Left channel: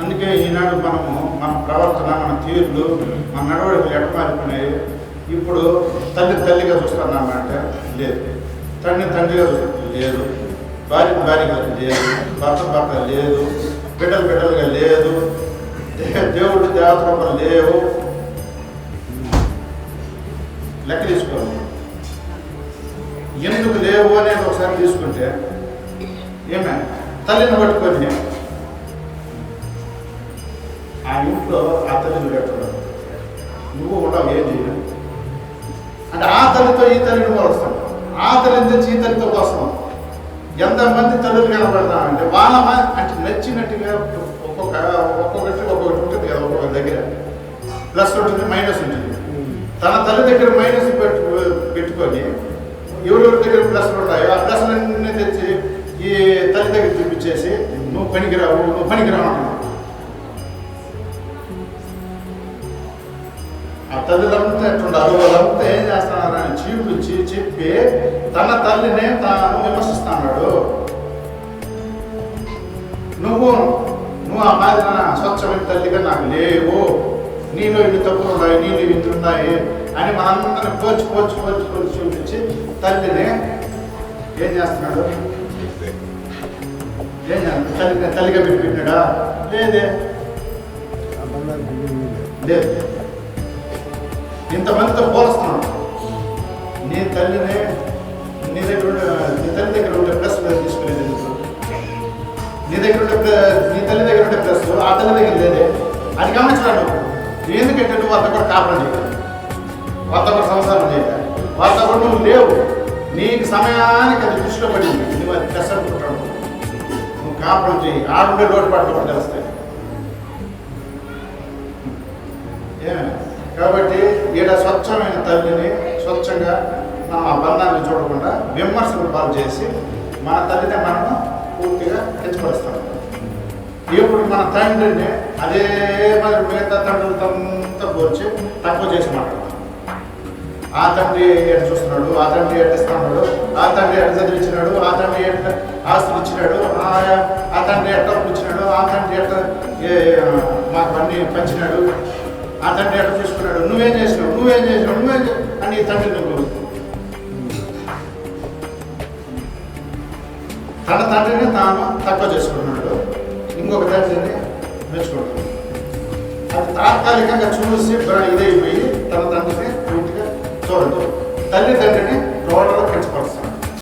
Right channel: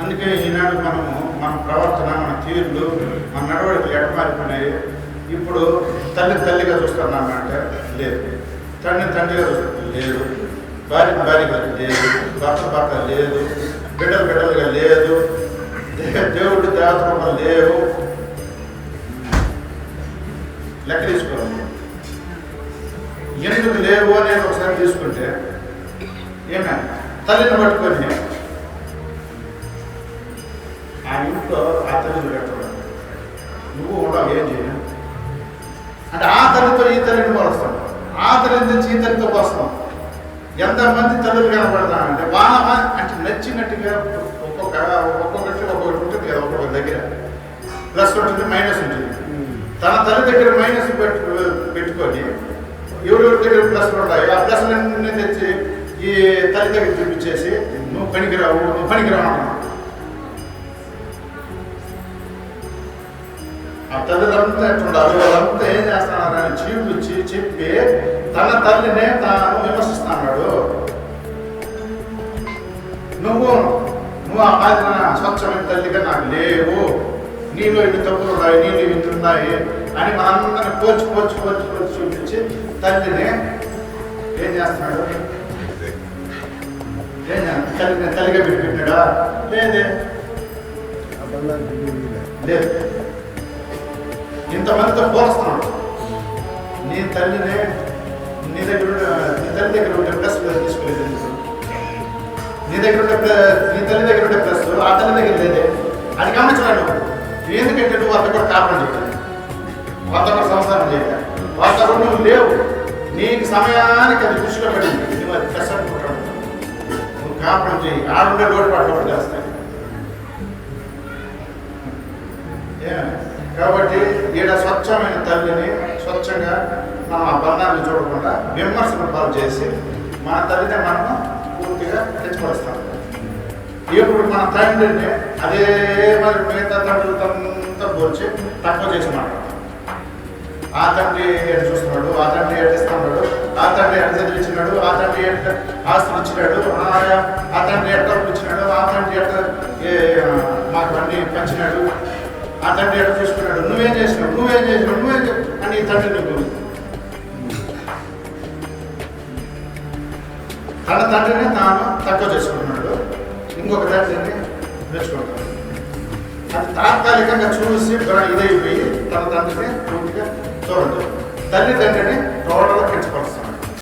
అందుకే ఈనాడు మనము మన ప్రవర్తన, మన తీరులు, మన నడవడికలు ఎడమారిపోయినాయి. ఇప్పుడు తల్లిగా చూస్తున్నామంటే లేదు, తండ్రిగా చూస్తున్నాం లేదు, భార్యగా లేదు, భర్త లేదు, బిడ్డలుగా లేదు, దేవుడు దేవతలు లేవు. లెక్క తీసుకోవాలి. ఎందుకు లేవు అనేది ఒకసారి తీసుకుంటే ఏమే తల్లిని పట్టుకొని ఆ ఇంట్లో ఆ తల్లిని పెట్టడం నువ్వు ఉండవు ఏం చేయను అంటే ఆ తల్లితో ఈ తల్లిని పోలుస్తాం, ఆ తల్లిని తెచ్చి ఈ తల్లితో పోస్తాం. ఎంతమంది తల్లులు కనబడతామంటే వాళ్ళ అంటే నచ్చినట్టుగా ఒక్కొక్కటి ఉంటుంది కదా, ఒక్కొక్క దగ్గర ప్లస్ ఉంటుంది, మైనస్ ఉంటుంది. తన తల్లి దగ్గర మైనస్ పెట్టుకొని ఎవరెవరి దగ్గర ప్లస్లు ఉంటాయో ఆ ప్లస్లన్నీ తెచ్చి ఈ తల్లి దగ్గర చూపించేసి నువ్వు పనికిరావు అన్నాడు. ఆ తల్లిదంతా ఎట్లుండాలి, వాళ్ళంతా ఏం చేస్తున్నారని చీపుచ్చి చెప్పి తన తల్లినే తాను విమర్శిస్తున్నాడు. నువ్వు ఆ మాదిరిన స్వచ్ఛమైన తల్లిగా నాకు లేవు, నీలో ఇన్ని తప్పులు ఉన్నాయి, నీళ్ళు ఇంత ఉన్నాయి అని మనందరినీ పోల్చి చూపించి తల్లిని ఏం చేస్తున్నాడు? తల్లిగా పెట్టాడా? లేదు. ఇంతమందితో పోలుస్తున్నాడు. నీ తల్లినే నీ తల్లి దగ్గర ఉండే ప్లస్ తీసుకునేది, నీ తల్లి దగ్గర ఉండే ప్లస్ ఆ తల్లి దగ్గర లేదే. అది గమనించరాడు. ఎందుకంటే నువ్వు అంత కూడా కాపురం చేయాలి, వాళ్ళతో కూడా సంసారం చేయాలి, వాళ్ళతో కూడా నువ్వు లేవు. నీకు సమయానికి అది దృష్టిలో పడింది, నువ్వు అది ప్లస్ అనుకుంటాడు. నువ్వు కాపురం చేయి, ఆడుండే లోటుపాట్లు కూడా తెలుస్తాయి. కాబట్టి ఈడ స్వచ్ఛమైన తల్లిని స్వచ్ఛంగా మనం ఆ బంధాన్ని చూడకుండా విమర్శలు పాలు చేసి మన తల్లిని మనము పూర్తిగా తెచ్చిపరుస్తాం. ఇప్పుడు మన తండ్రిని అదే మరి మిగతా తండ్రులతో పోల్చి తక్కువ చేసి మాట్లాడతాం. ఆ తండ్రి ఎట్లా చూస్తున్నాడు, ఆ తండ్రి ఎట్లా ఇస్తున్నాడు, ఆ తండ్రి ఎట్లా చదివించినాడు, ఆ తండ్రి ఎట్లా ఆస్తులు ఇచ్చినాడు, ఆ తండ్రి ఎట్లా ఇచ్చినాడు, ఆ తండ్రి ఎట్లా మాకు అన్ని పంచినాడు, ఆ తండ్రి ఎట్లా చూసుకున్నాడు, నువ్వేం చేసినావు అని ఈ తండ్రి నువ్వు తన తండ్రిని తాను తక్కువ చేసుకుంటున్నాడు, ఇంకొక తండ్రిని మెచ్చుకుంటున్నాడు. అది తాత్కాలికంగా చూసి ఇదైపోయి తన తండ్రిని పూర్తిగా చూడదు. తండ్రిని